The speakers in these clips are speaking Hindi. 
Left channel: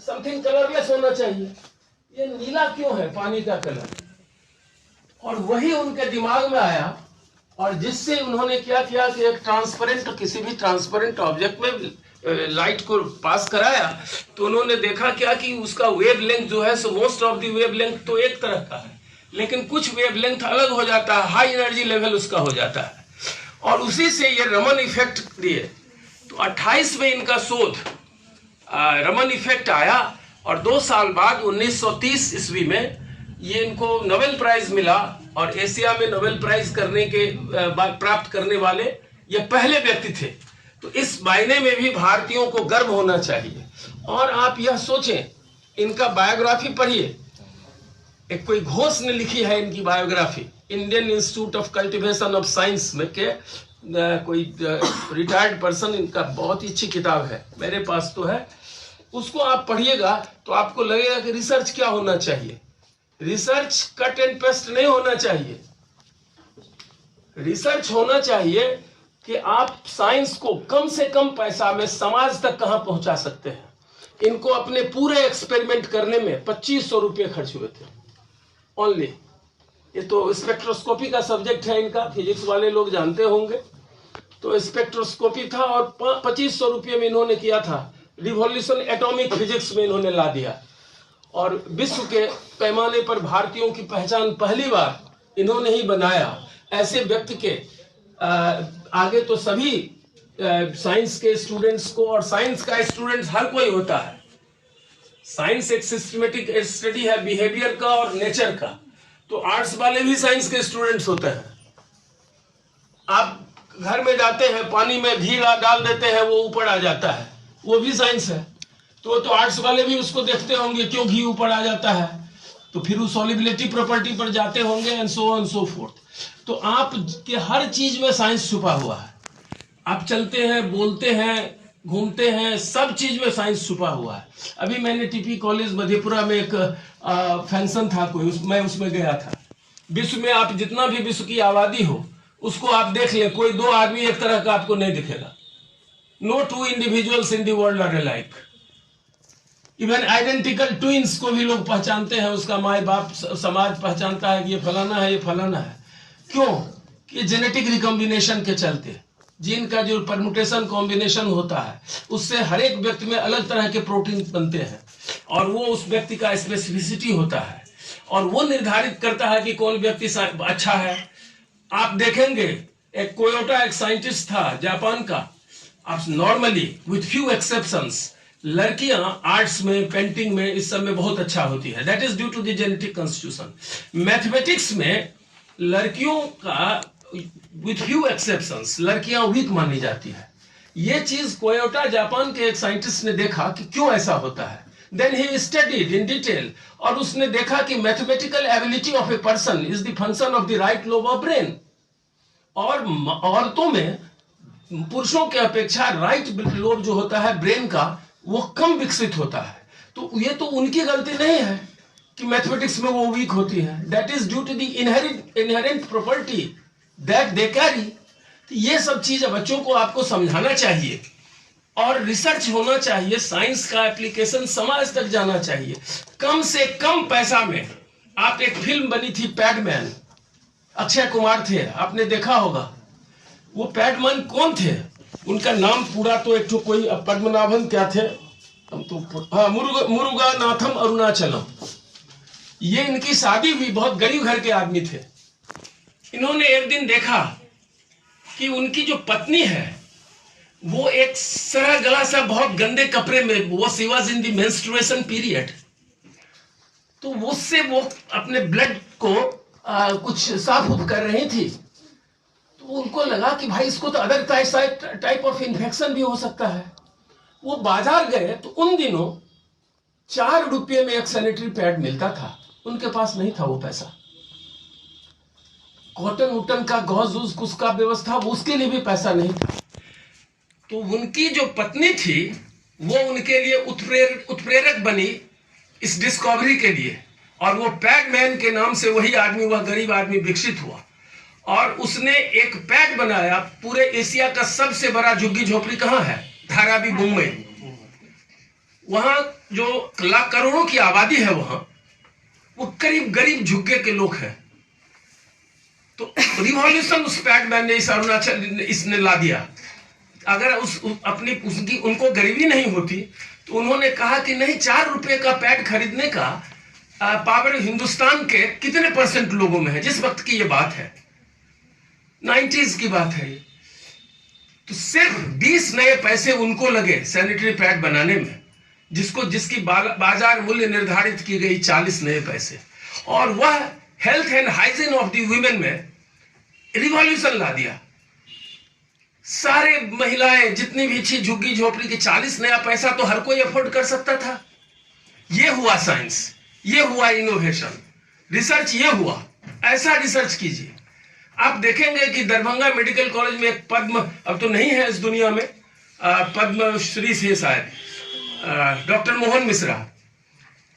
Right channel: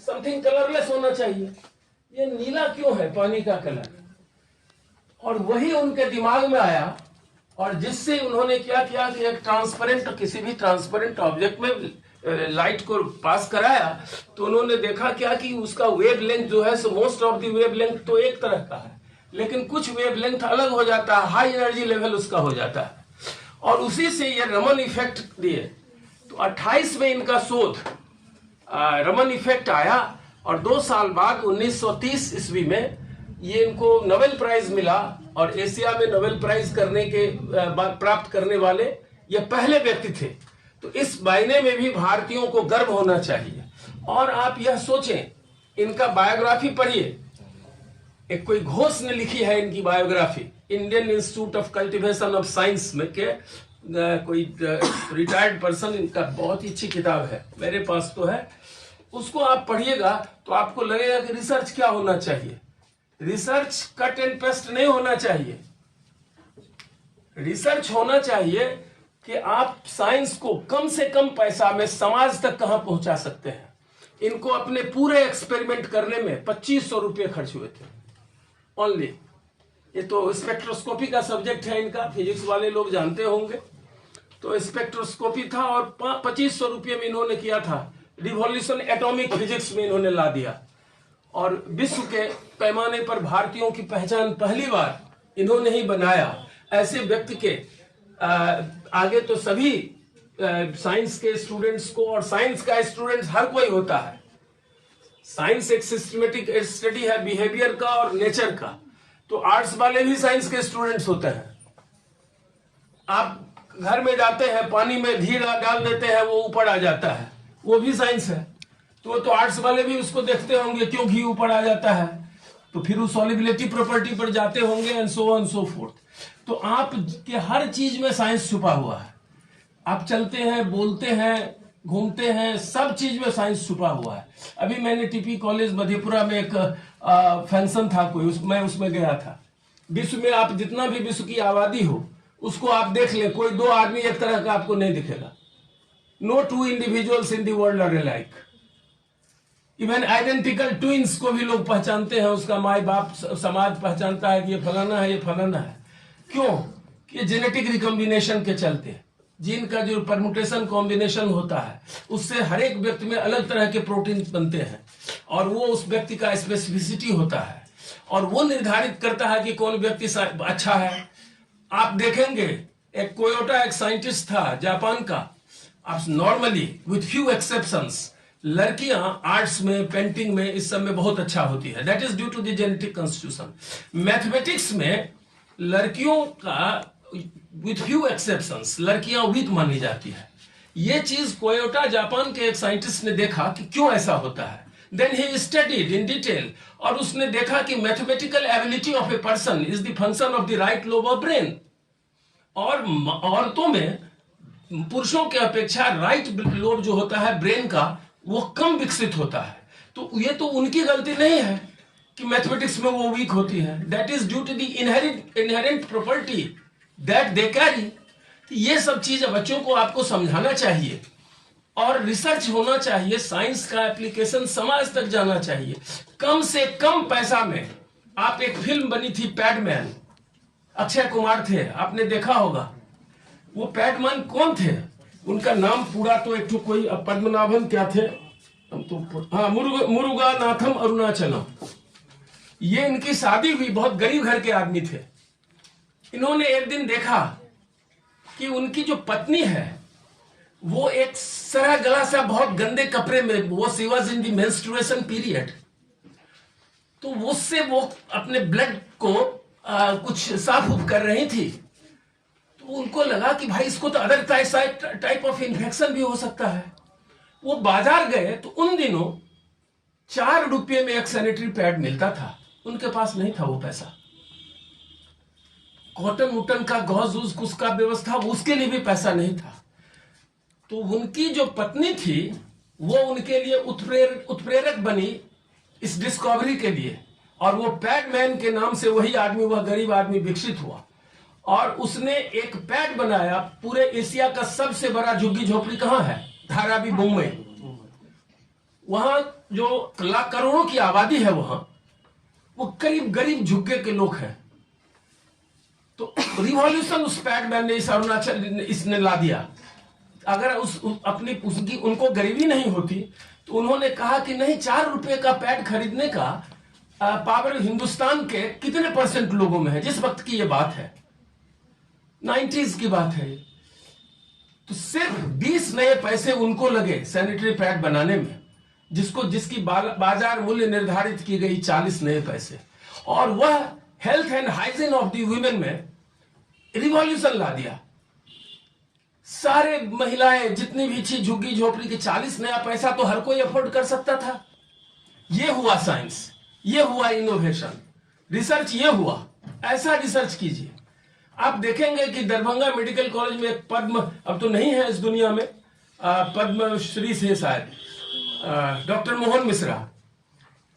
समथिंग कलरलेस होना चाहिए। ये नीला क्यों है पानी का कलर? और वही उनके दिमाग में आया और जिससे उन्होंने क्या किया कि एक ट्रांसपेरेंट, किसी भी ट्रांसपेरेंट ऑब्जेक्ट में लाइट को पास कराया तो उन्होंने देखा क्या कि उसका वेव लेंथ जो है so most of the wave length तो एक तरह का है, लेकिन कुछ वेव लेंथ अलग हो जाता है, हाई एनर्जी लेवल उसका हो जाता है। और उसी से ये रमन इफेक्ट दिए। तो 28 में इनका शोध रमन इफेक्ट आया और 2 साल बाद 1930 ईस्वी में ये इनको नोबेल प्राइज मिला और एशिया में नोबेल प्राइज करने के प्राप्त करने वाले ये पहले व्यक्ति थे। तो इस मायने में भी भारतीयों को गर्व होना चाहिए। और आप यह सोचें, इनका बायोग्राफी पढ़िए, एक कोई घोष ने लिखी है इनकी biography, Indian Institute of cultivation of science में के कोई रिटायर्ड पर्सन, इनका बहुत ही अच्छी किताब है, मेरे पास तो है। उसको आप पढ़िएगा तो आपको लगेगा कि रिसर्च क्या होना चाहिए। रिसर्च कट एंड पेस्ट नहीं होना चाहिए। रिसर्च होना चाहिए कि आप साइंस को कम से कम पैसा में समाज तक कहां पहुंचा सकते हैं। इनको अपने पूरे एक्सपेरिमेंट करने में 2500 रुपये खर्च हुए थे ओनली। ये तो स्पेक्ट्रोस्कोपी का सब्जेक्ट है इनका, फिजिक्स वाले लोग जानते होंगे। तो स्पेक्ट्रोस्कोपी था और 2500 रुपये में इन्होंने किया था। रिवॉल्यूशन एटॉमिक फिजिक्स में इन्होंने ला दिया और विश्व के पैमाने पर भारतीयों की पहचान पहली बार इन्होंने ही बनाया। ऐसे व्यक्ति के आगे तो सभी साइंस के स्टूडेंट्स को, और साइंस का स्टूडेंट्स हर कोई होता है। साइंस एक सिस्टमेटिक स्टडी है बिहेवियर का और नेचर का, तो आर्ट्स वाले भी साइंस के स्टूडेंट्स होते हैं। आप घर में जाते हैं, पानी में घी डाल देते हैं, वो ऊपर आ जाता है, वो भी साइंस है। तो आर्ट्स वाले भी उसको देखते होंगे क्यों घी ऊपर आ जाता है, तो फिर वो सॉल्युबिलिटी प्रॉपर्टी पर जाते होंगे and so on so fourth. तो आप के हर चीज में साइंस छुपा हुआ है। आप चलते हैं, बोलते हैं, घूमते हैं, सब चीज में साइंस छुपा हुआ है। अभी मैंने टीपी कॉलेज मधेपुरा में एक फंक्शन था कोई, मैं उसमें गया था। विश्व में आप जितना भी विश्व की आबादी हो उसको आप देख ले, कोई 2 आदमी एक तरह का आपको नहीं दिखेगा। No 2 individuals in the world are alike. Even identical twins को भी लोग पहचानते हैं, उसका माई बाप समाज पहचानता है कि ये फलाना है, ये फलाना है। क्यों? कि जेनेटिक रिकॉम्बिनेशन के चलते, जीन का जो परम्यूटेशन कॉम्बिनेशन होता है उससे हर एक व्यक्ति में अलग तरह के प्रोटीन बनते हैं और वो उस व्यक्ति का स्पेसिफिसिटी होता है और वो निर्धारित करता है कि कौन व्यक्ति अच्छा है। आप देखेंगे एक कोयोटा एक साइंटिस्ट था जापान का। आप नॉर्मली विथ फ्यू एक्सेप्शंस लड़कियां आर्ट्स में, पेंटिंग में, इस सब में बहुत अच्छा होती है। That is due to the genetic constitution. Mathematics में लड़कियों का विथ फ्यू एक्सेप्शंस लड़कियां वीक मानी जाती है। ये चीज कोयोटा जापान के एक साइंटिस्ट ने देखा कि क्यों ऐसा होता है। Then he studied in detail और उसने देखा कि mathematical ability of a person is the function of the right lobe of brain. और औरतों में पुरुषों के अपेक्षा राइट लोब जो होता है ब्रेन का वो कम विकसित होता है। तो ये तो उनकी गलती नहीं है कि मैथमेटिक्स में वो वीक होती है। That is due to the inherent property that they carry. ये सब चीज बच्चों को आपको समझाना चाहिए और रिसर्च होना चाहिए। साइंस का एप्लीकेशन समाज तक जाना चाहिए। कम से कम पैसा में आप, एक फिल्म बनी थी पैडमैन, अक्षय कुमार थे, आपने देखा होगा। वो पैडमैन कौन थे? उनका नाम पूरा तो एक तो कोई पद्मनाभन क्या थे, हम तो हाँ मुरुगानाथम अरुणाचलम। ये इनकी शादी हुई, बहुत गरीब घर के आदमी थे। इन्होंने एक दिन देखा कि उनकी जो पत्नी है वो एक सरा गला सा बहुत गंदे कपड़े में, वो she was in the menstruation period, तो उससे वो अपने ब्लड को कुछ साफ उफ कर रही थी। तो उनको लगा कि भाई इसको तो अदर टाइप ऑफ इन्फेक्शन भी हो सकता है। वो बाजार गए तो उन दिनों 4 रुपये में एक सैनिटरी पैड मिलता था, उनके पास नहीं था वो पैसा। कॉटन उटन का गौज उस का व्यवस्था, उसके लिए भी पैसा नहीं था। तो उनकी जो पत्नी थी वो उनके लिए उत्प्रेरक बनी इस डिस्कवरी के लिए, और वो पैडमैन के नाम से वही आदमी, वह गरीब आदमी विकसित हुआ और उसने एक पैड बनाया। पूरे एशिया का सबसे बड़ा झुग्गी झोपड़ी कहाँ है? धारावी, मुंबई। वहां जो लाख करोड़ों की आबादी है वहां, वो करीब गरीब झुग्गे के लोग हैं। तो रिवॉल्यूशन उस पैडमैन ने, इस अरुणाचल इसने ला दिया। अगर उसकी उनको गरीबी नहीं होती तो उन्होंने कहा कि नहीं, 4 रुपए का पैड खरीदने का पावर हिंदुस्तान के कितने % लोगों में है। जिस वक्त की ये बात है, 90s की बात है, तो सिर्फ 20 नए पैसे उनको लगे सैनिटरी पैड बनाने में, जिसकी बाजार मूल्य निर्धारित की गई 40 नए पैसे। और वह health and hygiene of the women में रिवॉल्यूशन ला दिया। सारे महिलाएं जितनी भी थी झुग्गी झोपड़ी की, 40 नया पैसा तो हर कोई अफोर्ड कर सकता था। ये हुआ साइंस, ये हुआ इनोवेशन, रिसर्च ये हुआ। ऐसा रिसर्च कीजिए। आप देखेंगे कि दरभंगा मेडिकल कॉलेज में एक पद्म, अब तो नहीं है इस दुनिया में, पद्मश्री से शायद डॉक्टर मोहन मिश्रा,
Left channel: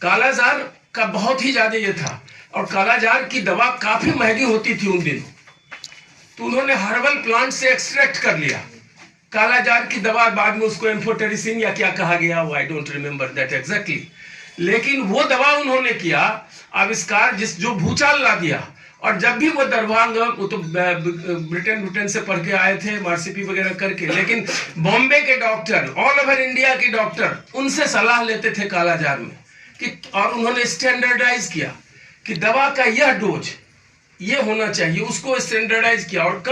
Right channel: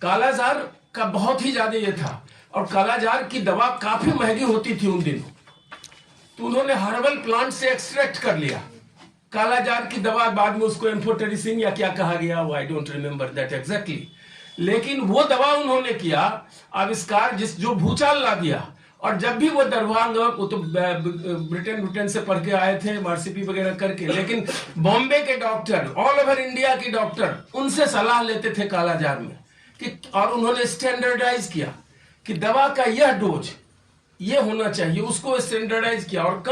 कालाजार का बहुत ही ज्यादा ये था, और कालाजार की दवा काफी महंगी होती थी उन दिनों, तो उन्होंने हर्बल प्लांट से एक्सट्रैक्ट कर लिया कालाजार की दवा। बाद में उसको एम्फोटेरिसिन या क्या कहा गया, वो I don't remember that exactly, लेकिन वो दवा उन्होंने किया आविष्कार जो भूचाल ला दिया। और जब भी वो दरभंगा, वो तो ब्रिटेन से पढ़ के आए थे मार्सीपी वगैरह करके, लेकिन बॉम्बे के डॉक्टर, ऑल ओवर इंडिया के डॉक्टर उनसे सलाह लेते थे कालाजार में कि, और उन्होंने स्टैंडर्डाइज किया कि दवा का यह डोज ये होना चाहिए, उसको स्टैंडर्डाइज किया और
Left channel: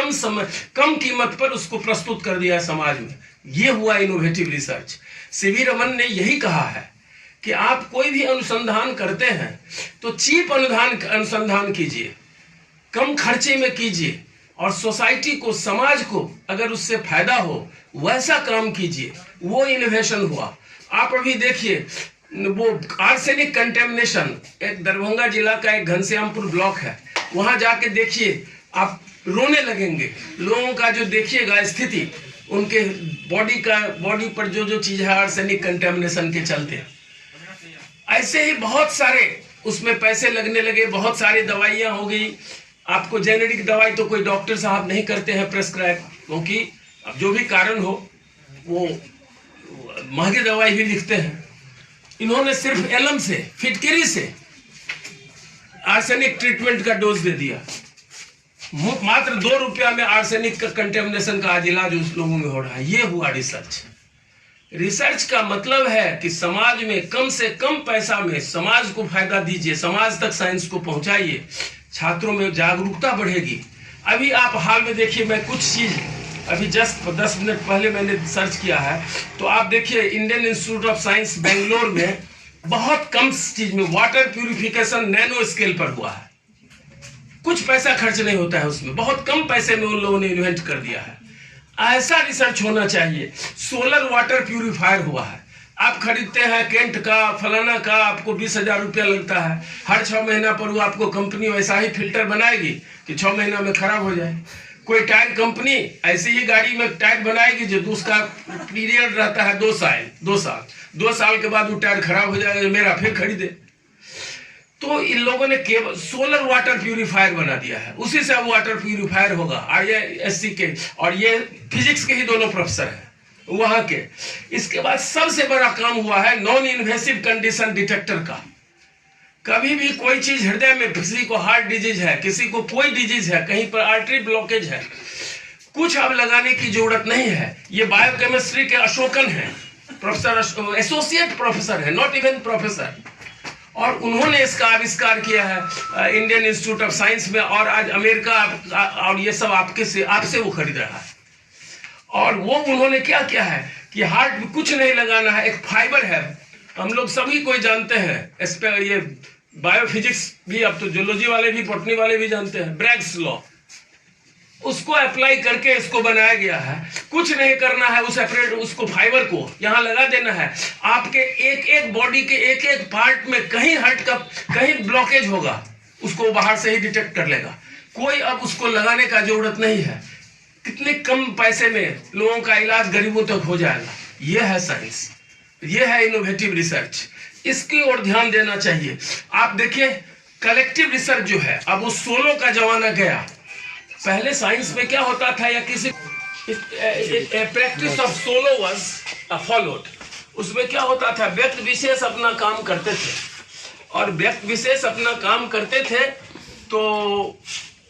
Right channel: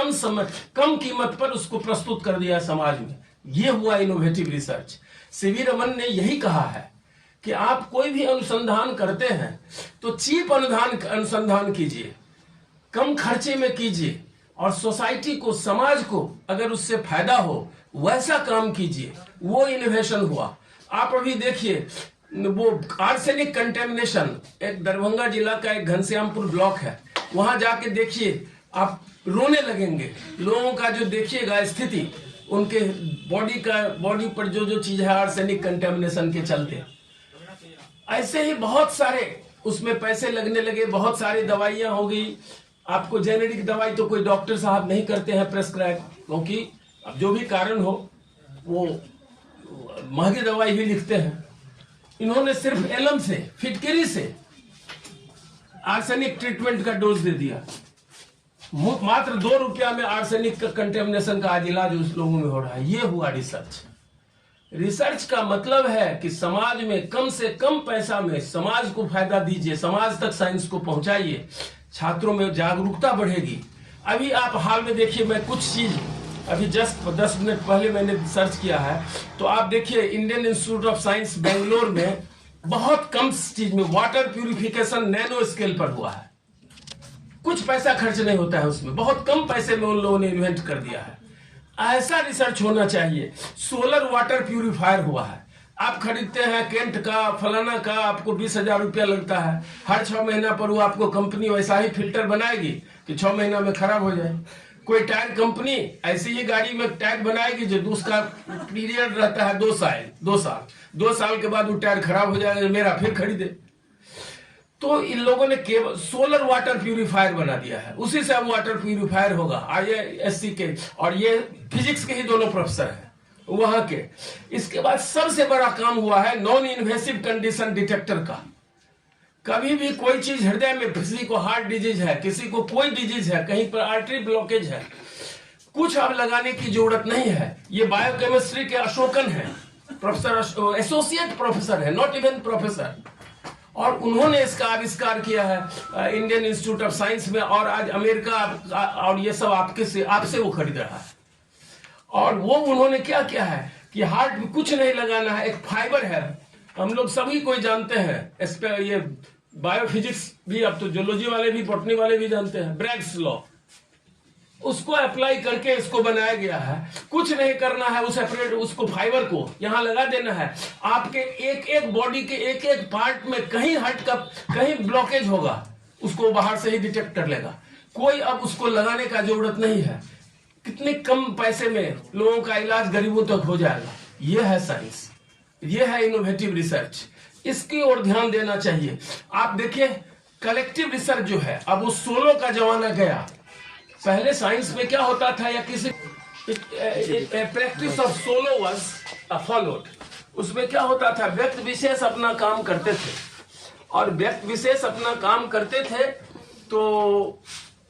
कम कीमत पर उसको प्रस्तुत कर दिया समाज में। ये हुआ इनोवेटिव रिसर्च। सीवी रमन ने यही कहा है कि आप कोई भी अनुसंधान करते हैं तो चीप अनुसंधान कीजिए, कम खर्चे में कीजिए, और सोसाइटी को, समाज को अगर उससे फायदा हो वैसा काम कीजिए। वो इनोवेशन हुआ। आप अभी देखिए वो आर्सेनिक कंटेमिनेशन, एक दरभंगा जिला का एक घनश्यामपुर ब्लॉक है, वहां जाके देखिए, आप रोने लगेंगे। लोगों का जो देखिएगा स्थिति, उनके बॉडी पर जो चीज है आर्सेनिक कंटेमिनेशन के चलते। ऐसे ही बहुत सारे उसमें पैसे लगने लगे, बहुत सारी दवाइयां हो गई। आपको जेनेरिक दवाई तो कोई डॉक्टर साहब नहीं करते हैं प्रेस्क्राइब, क्योंकि अब जो भी कारण हो वो महंगी दवाई भी लिखते हैं। इन्होंने सिर्फ एलम से, फिटकरी से आर्सेनिक ट्रीटमेंट का डोज दे दिया। मात्र 2 रुपया में आर्सेनिक का कंटेमिनेशन का आज इलाज उस लोगों में हो रहा है। ये हुआ रिसर्च। रिसर्च का मतलब है कि समाज में कम से कम पैसा में समाज को फायदा दीजिए, समाज तक साइंस को पहुंचाइए, छात्रों में जागरूकता बढ़ेगी। अभी आप हाल में देखिए, मैं कुछ चीज अभी जस्ट 10 मिनट पहले मैंने सर्च किया है, तो आप देखिए Indian Institute of Science Bangalore में बहुत कम चीज में वाटर प्यूरिफिकेशन नैनो स्केल पर हुआ है। कुछ पैसा खर्च नहीं होता है उसमें, बहुत कम पैसे में उन लोगों ने इन्वेंट कर दिया है। ऐसा रिसर्च होना चाहिए। सोलर वाटर प्यूरिफायर हुआ है, आप खरीदते हैं केंट का, फलाना का, आपको 20,000 रुपया लगता है। हर 6 महीना पर वो आपको कंपनी वैसा ही फिल्टर बनाएगी कि 6 महीना में खराब हो जाए। कोई टायर कंपनी ऐसी ही गाड़ी में टायर बनाएगी जो उसका पीरियड रहता है 2 साल के बाद वो टायर खराब हो जाएगा, मेरा फिर खरीदे। तो इन लोगों ने केवल सोलर वाटर प्यूरिफायर बना दिया है, उसी से अब वाटर प्यूरिफायर होगा। IISc के और ये फिजिक्स के ही दोनों प्रोफेसर हैं वहां के। इसके बाद सबसे बड़ा काम हुआ है नॉन इन्वेसिव कंडीशन डिटेक्टर का। कभी भी कोई चीज हृदय में, किसी को हार्ट डिजीज है, किसी को कोई डिजीज है, कहीं पर आर्टरी ब्लॉकेज है, कुछ अब लगाने की जरूरत नहीं है। ये बायोकेमिस्ट्री के अशोकन है, प्रोफेसर, एसोसिएट प्रोफेसर है, नॉट इवन प्रोफेसर, और उन्होंने इसका आविष्कार किया है इंडियन इंस्टीट्यूट ऑफ साइंस में। और आज अमेरिका और ये सब आपसे वो खरीद रहा है। और वो उन्होंने क्या किया है कि हार्ट में कुछ नहीं लगाना है, एक फाइबर है, हम लोग सभी कोई जानते हैं, इस पे ये बायोफिजिक्स भी, अब तो जियोलॉजी वाले भी, बॉटनी वाले भी जानते हैं, ब्रैग्स लॉ, उसको अप्लाई करके इसको बनाया गया है। कुछ नहीं करना है, उस सेपरेट उसको फाइबर को यहां लगा देना है। आपके एक बॉडी के एक पार्ट में कहीं हार्ट का कहीं ब्लॉकेज होगा, उसको बाहर से ही डिटेक्ट कर लेगा। कोई अब उसको लगाने का जरूरत नहीं है। कितने कम पैसे में लोगों का इलाज गरीबों तक हो जाएगा। यह है साइंस, यह है इनोवेटिव रिसर्च। इसकी ओर ध्यान देना चाहिए। आप देखिए कलेक्टिव रिसर्च जो है, अब वो सोलो का जमाना गया। पहले साइंस में क्या होता था, या किसी practice of solo was followed. उसमें क्या होता था, व्यक्ति विशेष अपना काम करते थे, और व्यक्ति विशेष अपना काम करते थे तो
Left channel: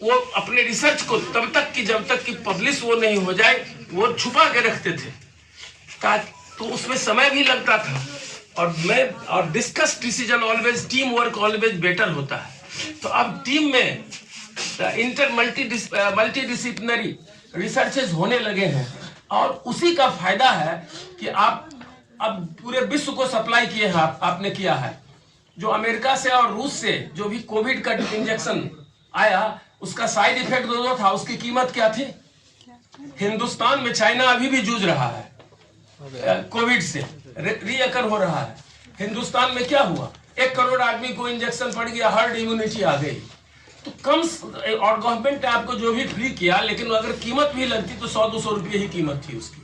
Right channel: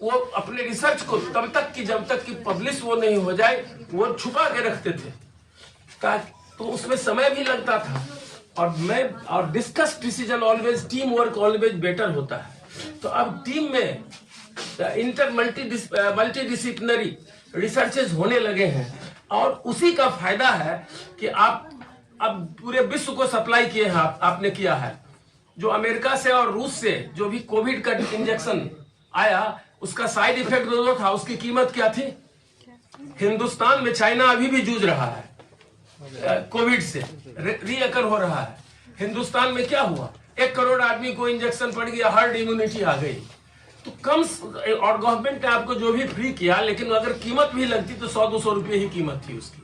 वो अपने रिसर्च को तब तक कि जब तक कि पब्लिश वो नहीं हो जाए वो छुपा के रखते थे, ताकि तो उसमें समय भी लगता था। और discuss decision always, team work always better होता है। तो अब टीम में मल्टी डिसिप्लिनरी रिसर्चेज होने लगे हैं, और उसी का फायदा है कि आप अब पूरे विश्व को सप्लाई किए हैं, आपने किया है। जो अमेरिका से और रूस से जो भी कोविड का इंजेक्शन आया, उसका साइड इफेक्ट जो था, उसकी कीमत क्या थी? हिंदुस्तान में चाइना अभी भी जूझ रहा है कोविड से, रीअकर हो रहा है। हिंदुस्तान में क्या हुआ? 1 करोड़ आदमी को इंजेक्शन पड़ गया, हर्ड इम्यूनिटी आ गई। तो कम, और गवर्नमेंट ने आपको जो भी फ्री किया, लेकिन अगर कीमत भी लगती तो 100-200 रुपये ही कीमत थी उसकी।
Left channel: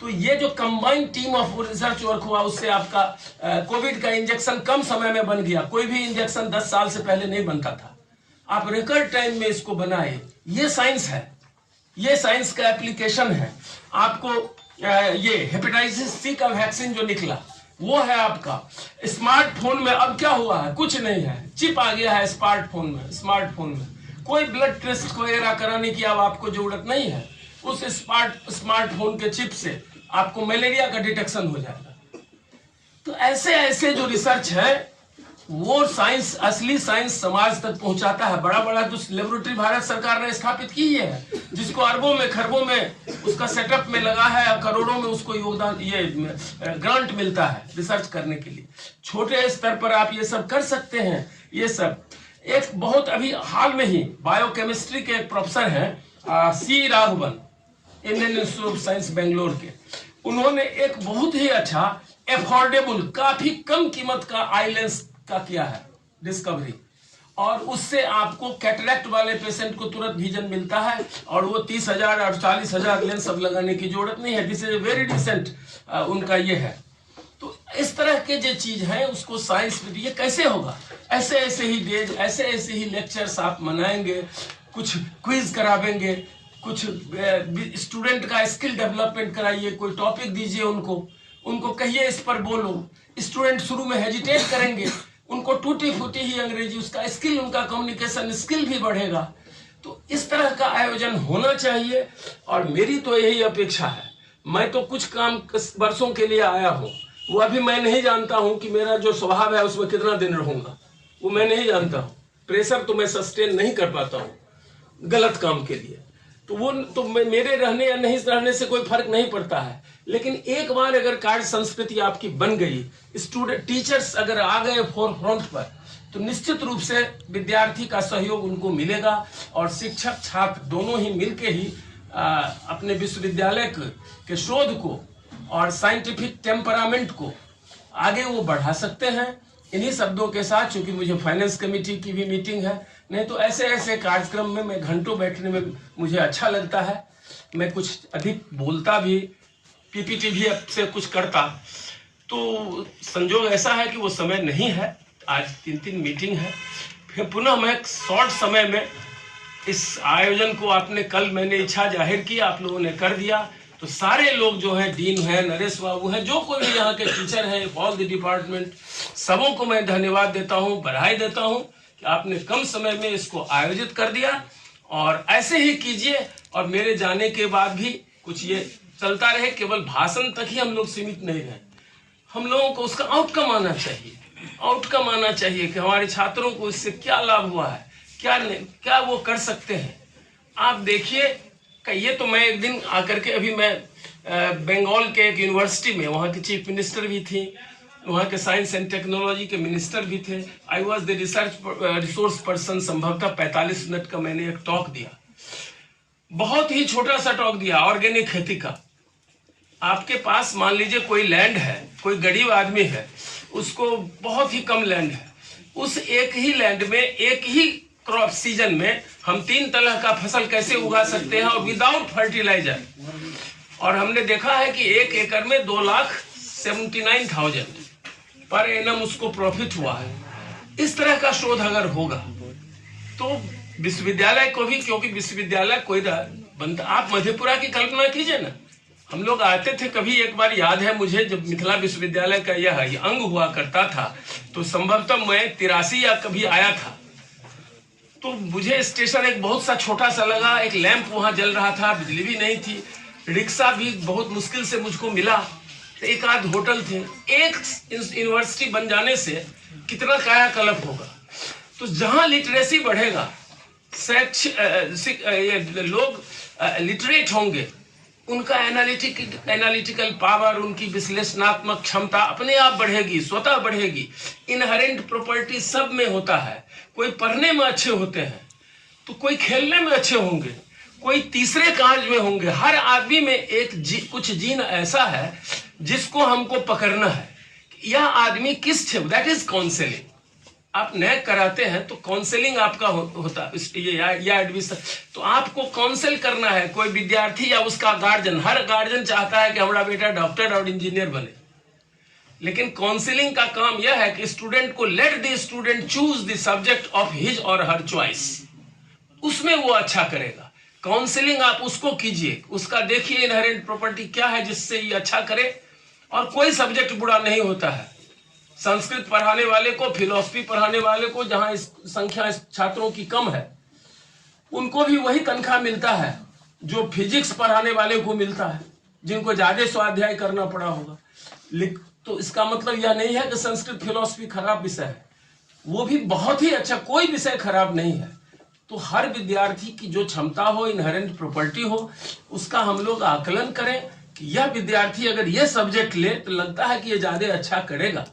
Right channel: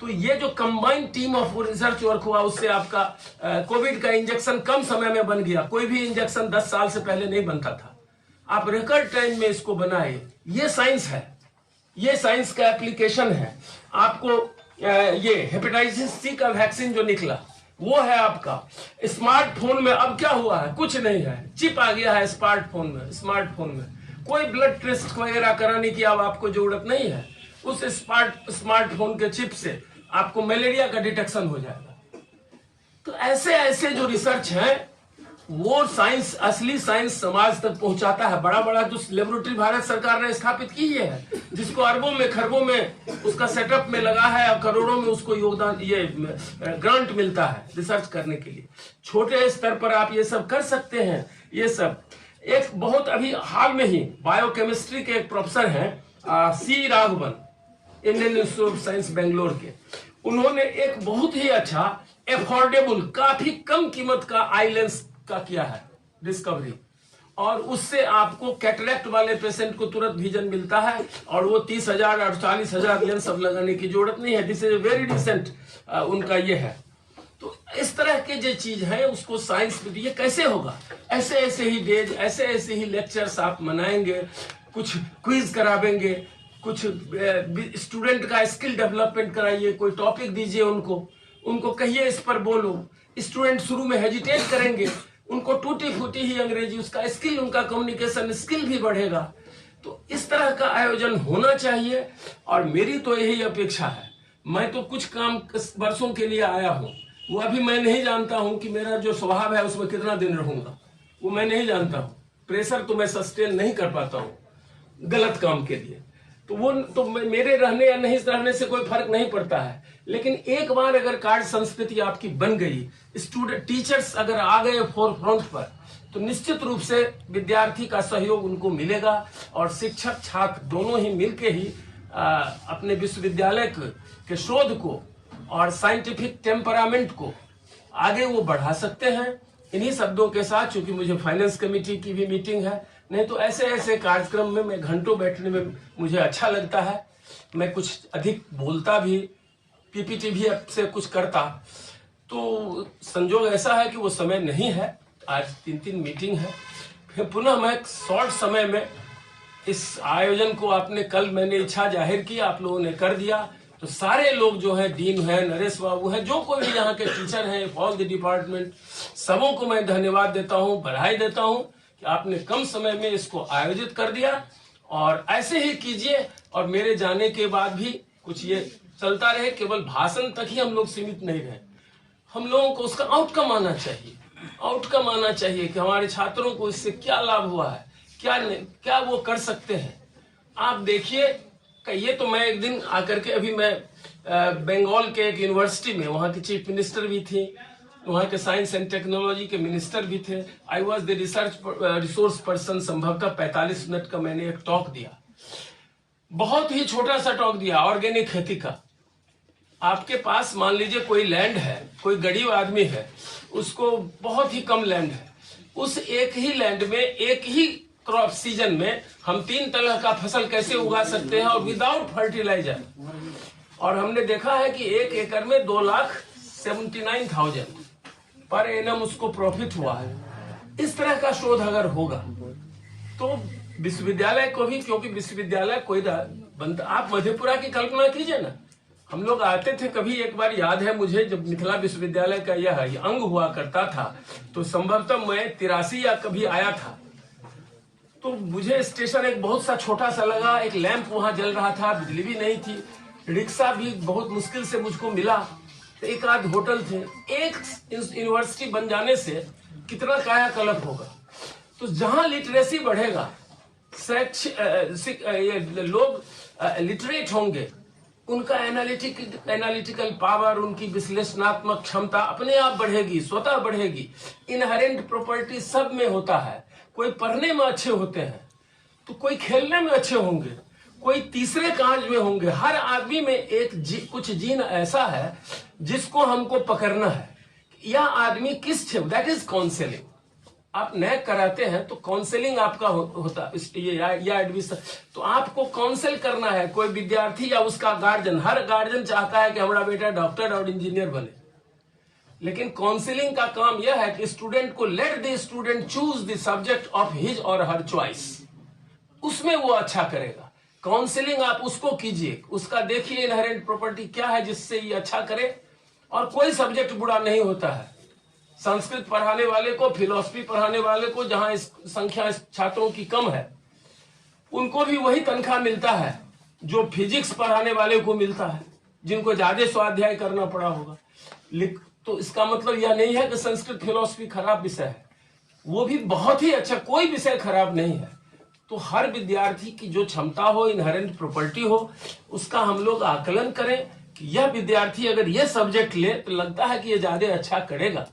तो ये जो combined team of research work हुआ, उससे आपका कोविड का इंजेक्शन कम समय में बन गया। कोई भी इंजेक्शन 10 साल से पहले नहीं बनता था, आप रिकॉर्ड टाइम में इसको बनाए। ये साइंस है, ये साइंस का एप्लीकेशन है। आपको ये हेपेटाइटिस सी का वैक्सीन जो निकला वो है आपका। स्मार्टफोन में अब क्या हुआ है? कुछ नहीं है, चिप आ गया है स्मार्टफोन में कोई ब्लड टेस्ट वगैरह कराने की अब आपको जरूरत नहीं है। उस स्मार्टफोन के चिप से आपको मलेरिया का डिटेक्शन हो जाएगा। तो ऐसे ऐसे जो रिसर्च है, वो साइंस, असली साइंस समाज तक पहुंचाता है। बड़ा बड़ा जो लेबोरेटरी भारत सरकार ने स्थापित की है, जिसको अरबों में खरबों में उसका सेटअप में लगा है, करोड़ों में उसको योगदान, ये ग्रांट मिलता है रिसर्च करने के लिए। छोटे स्तर पर आप ये सब कर सकते हैं। ये सब एक बहुत अभी हाल में ही बायोकेमिस्ट्री के एक प्रोफेसर हैं C Raghavan, Indian Institute of Science Bangalore के, उन्होंने एक बहुत ही अच्छा एफोर्डेबल, काफी कम कीमत का आई लेंस का किया है डिस्कवरी, और उससे आपको कैटरेक्ट वाले पेशेंट को तुरंत विजन मिलता है, और वो 30,000 और 40,000 लेंस अब लगाने की जरूरत नहीं है। दिस इज वेरी डिसेंट उनका ये है। तो इस तरह के जो चीज है उसको साइंस में, ये कैसे होगा? ऐसे ऐसे ही डेज, ऐसे ऐसे ही लेक्चर्स आप मनाएंगे, कुछ क्विज करावेंगे, कुछ स्टूडेंट का स्किल डेवलपमेंट कराइए, कोई टॉपिक दीजिए उनको कहिए इस पर बोलो। स्टूडेंट शुरू में हेजिटेट करेंगे, उनको टूटी फूटी ही अंग्रेजी, उसका स्किल, उनका कम्युनिकेशन स्किल भी बढ़ेगा। तो इस तरह का आयोजन होना चाहिए, और मेरी तो यही अपेक्षा है। मैं तो कुछ काम वर्षों के लिए आया हूँ, वो अभी मैं नहीं जानता हूँ कि मेरा जो स्वभाव है उसमें कितना दिन रहूंगा, वो मैं नहीं जानता हूँ। प्रेशर तो मैं सस्टेन नहीं कर पाता हूँ गलत काम के लिए, तो मेरे रहने या नहीं रहने से कोई फर्क नहीं पड़ता है। लेकिन एक बार अगर कार्य संस्कृति आपकी बन गई, स्टूडेंट टीचर्स अगर आ गए फोरफ्रंट पर, तो निश्चित रूप से विद्यार्थी का सहयोग उनको मिलेगा, और शिक्षक छात्र दोनों ही मिलके ही अपने विश्वविद्यालय के शोध को और साइंटिफिक टेम्परामेंट को आगे वो बढ़ा सकते हैं। इन्हीं शब्दों के साथ, चूंकि मुझे फाइनेंस कमेटी की भी मीटिंग है, नहीं तो ऐसे ऐसे कार्यक्रम में मैं घंटों बैठने में मुझे अच्छा लगता है। मैं कुछ अधिक बोलता भी, पीपीटी भी अब से कुछ करता, तो संजोग ऐसा है कि वो समय नहीं है। आज 3 मीटिंग है, फिर पुनः मैं शॉर्ट समय में इस आयोजन को, आपने कल मैंने इच्छा जाहिर की, आप लोगों ने कर दिया, तो सारे लोग जो हैं, डीन है, नरेश बाबू है, जो कोई भी यहाँ के टीचर हैं, ऑल द डिपार्टमेंट, सबों को मैं धन्यवाद देता हूँ, बधाई देता हूँ कि आपने कम समय में इसको आयोजित कर दिया। और ऐसे ही कीजिए, और मेरे जाने के बाद भी कुछ ये चलता रहे, केवल भाषण तक ही हम लोग सीमित नहीं रहे। हम लोगों को उसका आउटकम आना चाहिए, आउटकम आना चाहिए कि हमारे छात्रों को इससे क्या लाभ हुआ है, क्या वो कर सकते हैं। आप देखिए, ये तो मैं एक दिन आकर के, अभी मैं बंगाल के एक यूनिवर्सिटी में, वहाँ की चीफ मिनिस्टर भी थी, वहाँ के साइंस एंड टेक्नोलॉजी के मिनिस्टर भी थे। I was the resource person. संभवतः 45 मिनट का मैंने एक टॉक दिया, बहुत ही छोटा सा टॉक दिया, ऑर्गेनिक खेती का। आपके पास मान लीजिए कोई लैंड है, कोई गरीब आदमी है, उसको बहुत ही कम लैंड है, उस एक ही लैंड में एक ही क्रॉप सीजन में हम 3 तरह का फसल कैसे उगा सकते हैं, और विदाउट फर्टिलाइजर। और हमने देखा है कि 1 एकड़ में 2,79,000 पर एनम उसको प्रॉफिट हुआ है। इस तरह का शोध अगर होगा तो विश्वविद्यालय को भी, क्योंकि विश्वविद्यालय कोई बनता, आप मधेपुरा की कल्पना कीजिए ना, हम लोग आते थे। कभी एक बार याद है मुझे, जब मिथिला विश्वविद्यालय का यह अंग हुआ करता था, तो संभवतः मैं 83 या कभी आया था। तो मुझे स्टेशन एक बहुत सा छोटा सा लगा, एक लैंप वहां जल रहा था, बिजली भी नहीं थी, रिक्शा भी बहुत मुश्किल से मुझको मिला, तो एक आध होटल थे। एक यूनिवर्सिटी बन जाने से कितना कायाकल्प होगा। तो जहां लिटरेसी बढ़ेगा, लोग लिटरेट होंगे, उनका एनालिटिकल पावर, उनकी विश्लेषणात्मक क्षमता अपने आप बढ़ेगी, स्वतः बढ़ेगी। इनहेरेंट प्रॉपर्टी सब में होता है। कोई पढ़ने में अच्छे होते हैं, तो कोई खेलने में अच्छे होंगे, कोई तीसरे कार्य में होंगे। हर आदमी में कुछ जीन ऐसा है जिसको हमको पकड़ना है। यह आदमी किस है, दैट इज काउंसलिंग। आप नए कराते हैं तो काउंसलिंग आपका होता है, या एडमिशन, तो आपको काउंसिल करना है। कोई विद्यार्थी या उसका गार्जियन, हर गार्जियन चाहता है कि हमारा बेटा डॉक्टर और इंजीनियर बने, लेकिन काउंसलिंग का काम यह है कि स्टूडेंट को, let the student choose the subject of his और हर चॉइस, उसमें वो अच्छा करेगा। काउंसलिंग आप उसको कीजिए, उसका देखिए इनहेरेंट प्रॉपर्टी क्या है जिससे ये अच्छा करे। और कोई सब्जेक्ट बुरा नहीं होता है। संस्कृत पढ़ाने वाले को, फिलॉसफी पढ़ाने वाले को, जहां संख्या छात्रों की कम है, उनको भी वही तनख्वाह मिलता है जो फिजिक्स पढ़ाने वाले को मिलता है, जिनको ज्यादा स्वाध्याय करना पड़ा होगा। तो इसका मतलब यह नहीं है कि संस्कृत फिलॉसफी खराब विषय है, वो भी बहुत ही अच्छा, कोई विषय खराब नहीं है। तो हर विद्यार्थी की जो क्षमता हो, इनहेरेंट प्रॉपर्टी हो, उसका हम लोग आकलन करें कि यह विद्यार्थी अगर यह सब्जेक्ट ले तो लगता है कि यह ज्यादा अच्छा करेगा,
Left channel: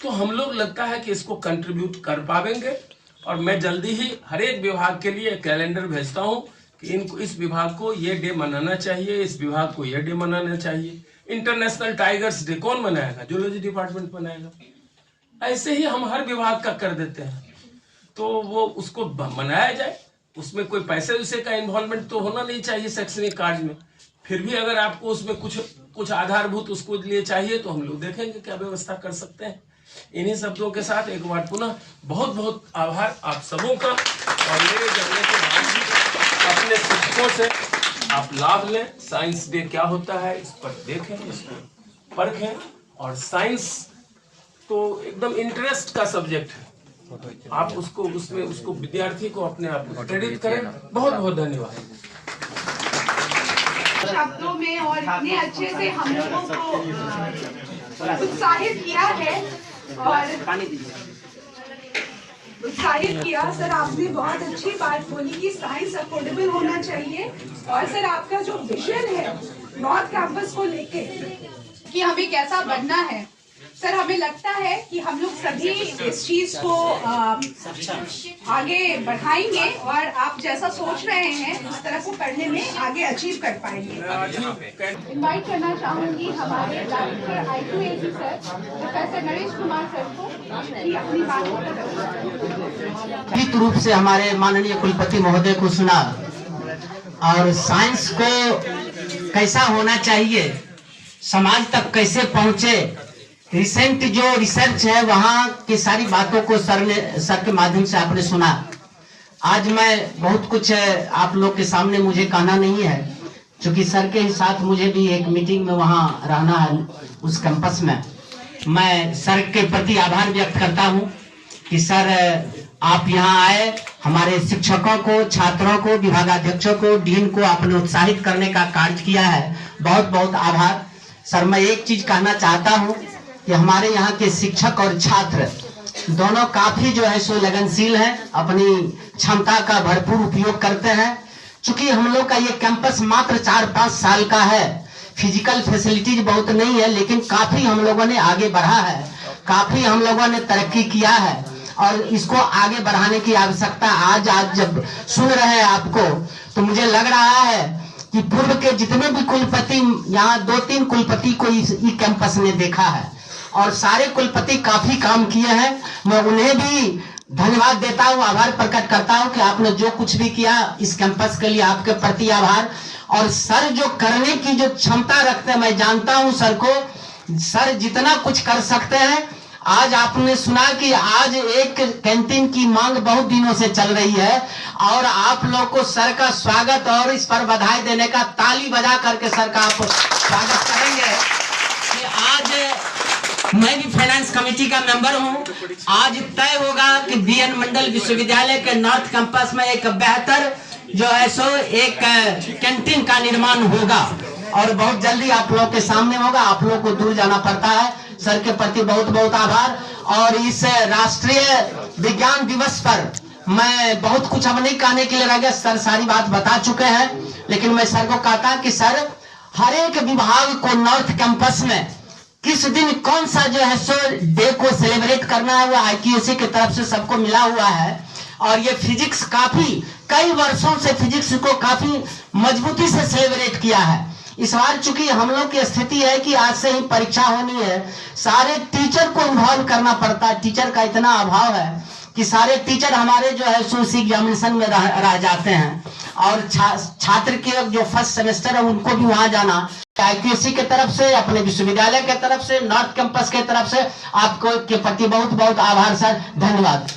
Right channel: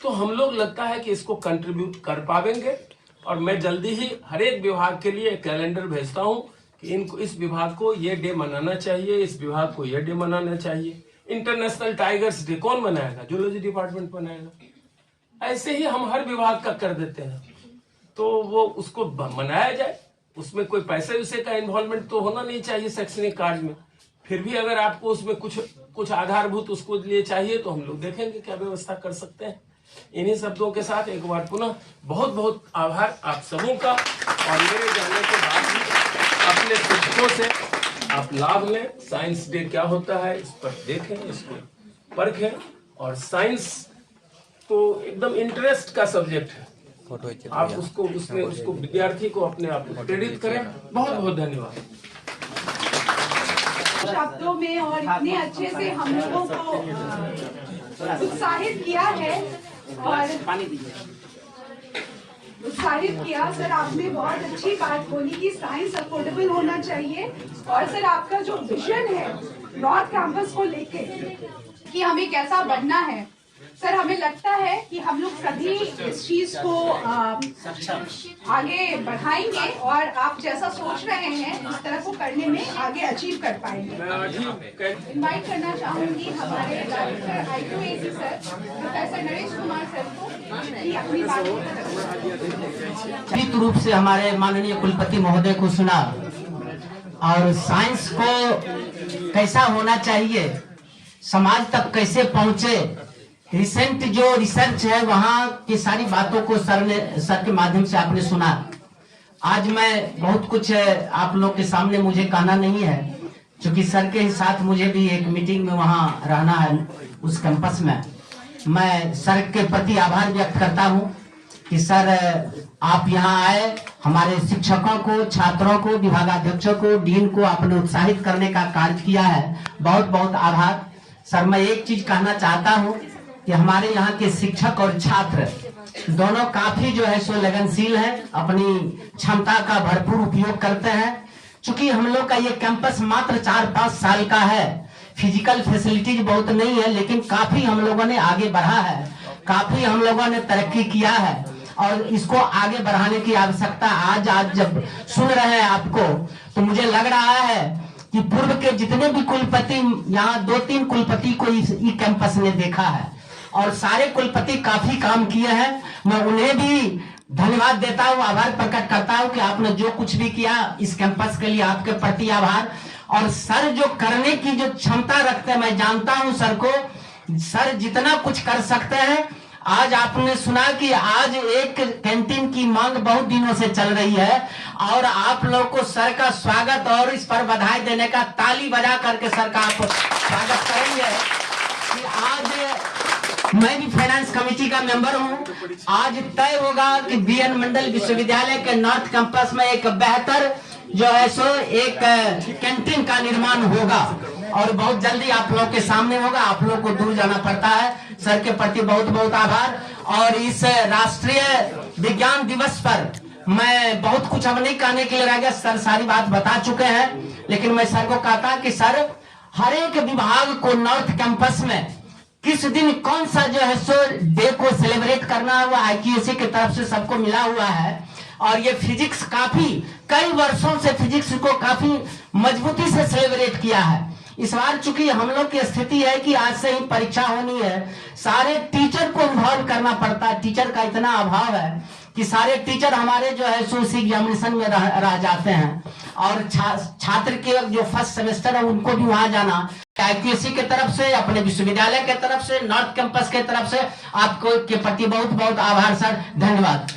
तो हम लोग लगता है कि इसको कंट्रीब्यूट कर पाएंगे। और मैं जल्दी ही हर एक विभाग के लिए कैलेंडर भेजता हूं कि इनको, इस विभाग को ये डे मनाना चाहिए, इस विभाग को ये डे मनाना चाहिए। इंटरनेशनल टाइगर्स डे कौन मनाएगा? जूलॉजी डिपार्टमेंट मनाएगा। ऐसे ही हम हर विभाग का कर देते हैं, तो वो उसको मनाया जाए। उसमें कोई पैसे वैसे का इन्वॉल्वमेंट तो होना नहीं चाहिए शैक्षणिक कार्य में। फिर भी अगर आपको उसमें कुछ आधारभूत उसको लिए चाहिए, तो हम लोग देखेंगे क्या व्यवस्था कर सकते हैं। इन्हीं शब्दों के साथ एक बार पुनः बहुत बहुत आभार आप सबों का। और मेरे जाने के बाद भी अपने शिक्षकों से आप लाभ लें। साइंस डे क्या होता है इस पर देखें, इसको परखें। और साइंस तो एकदम इंटरेस्ट का सब्जेक्ट है, आप उसको विद्यार्थी को अपने आप प्रेरित करें। बहुत बहुत धन्यवाद। शब्दों में और इतने अच्छे से हम लोगों को उत्साहित किया है और उत्साहित किया। सर आपने बहुत अच्छी बात बोली कि साइंस अफोर्डेबल होना चाहिए। और सर आपका जो विजन है नॉर्थ कैंपस को लेके कि हमें कैसा बनना है, सर हमें लगता है कि हम लोग सभी इस चीज को आगे बढ़ाएंगे और आप जैसा सोच रहे हैं उस तरह को करने में आगे अचीव कर पाएंगे। इनवाइट करना चाहूंगी हमारे director I2AC sir professor Naresh Kumar sir को कि अपनी बात निश्चित रूप से हमारे माननीय कुलपति महोदय को सुना और साइंस को कैसा होना चाहिए, समाज तक कैसे पहुंचे, रिसेंट जो रिसर्च है वहां की सारी बातों को सर के माध्यम से आपने सुना। आज मैं बहुत कुछ आप लोग के सामने मुझे कहना नहीं है, क्योंकि सर के ही साथ मुझे भी एक मीटिंग में वहां रहना है उस कैंपस में। मैं सर के प्रति आभार व्यक्त करता हूं कि सर आप यहां आए, हमारे शिक्षकों को, छात्रों को, विभागाध्यक्षों को, डीन को आपने उत्साहित करने का कार्य किया है। बहुत बहुत आभार सर। मैं एक चीज कहना चाहता हूं कि हमारे यहाँ के शिक्षक और छात्र दोनों काफी जो है सो लगनशील हैं, अपनी क्षमता का भरपूर उपयोग करते हैं। चूंकि हम लोग का ये कैंपस मात्र 4-5 साल का है, फिजिकल फैसिलिटीज बहुत नहीं है, लेकिन काफी हम लोगों ने आगे बढ़ा है, काफी हम लोगों ने तरक्की किया है और इसको आगे बढ़ाने की आवश्यकता। आज जब सुन रहे हैं आपको तो मुझे लग रहा है कि पूर्व के जितने भी कुलपति, यहाँ 2-3 कुलपति को इस कैंपस में देखा है और सारे कुलपति काफी काम किए हैं। मैं उन्हें भी धन्यवाद देता हूँ, आभार प्रकट करता हूँ कि आपने जो कुछ भी किया इस कैंपस के लिए, आपके प्रति आभार। और सर जो करने की जो क्षमता रखते हैं, मैं जानता हूँ सर को, सर जितना कुछ कर सकते हैं आज आपने सुना कि आज एक कैंटीन की मांग बहुत दिनों से चल रही है और आप लोग को सर का स्वागत और इस पर बधाई देने का ताली बजा करके सर का आप स्वागत करेंगे कि आज मैं भी फाइनेंस कमेटी का मेंबर हूं। आज तय होगा कि बीएन मंडल विश्वविद्यालय के नॉर्थ कैंपस में एक बेहतर जो है सो एक कैंटीन का निर्माण होगा और बहुत जल्दी आप लोग के सामने होगा। आप लोग को दूर जाना पड़ता है। सर के प्रति बहुत बहुत आभार। और इस राष्ट्रीय विज्ञान दिवस पर मैं बहुत कुछ अब नहीं कहने के लिए रह गया, सर सारी बात बता चुके हैं। लेकिन मैं सर को कहता कि सर हर एक विभाग को नॉर्थ कैंपस में किस दिन कौन सा जो है सो डे को सेलिब्रेट करना है, वो IQAC की तरफ से सबको मिला हुआ है। और ये फिजिक्स काफी कई वर्षों से फिजिक्स को काफी मजबूती से सेलिब्रेट किया है। इस बार चूंकि हम लोग की स्थिति है कि आज से ही परीक्षा होनी है, सारे टीचर को इन्वॉल्व करना पड़ता है। टीचर का इतना अभाव है कि सारे टीचर हमारे जो है सो एग्जामिनेशन में रह जाते हैं और छात्र के जो फर्स्ट सेमेस्टर है उनको भी वहां जाना। IQAC के तरफ से, अपने विश्वविद्यालय के तरफ से, नॉर्थ कैंपस के तरफ से आपको के प्रति बहुत बहुत आभार सर, धन्यवाद।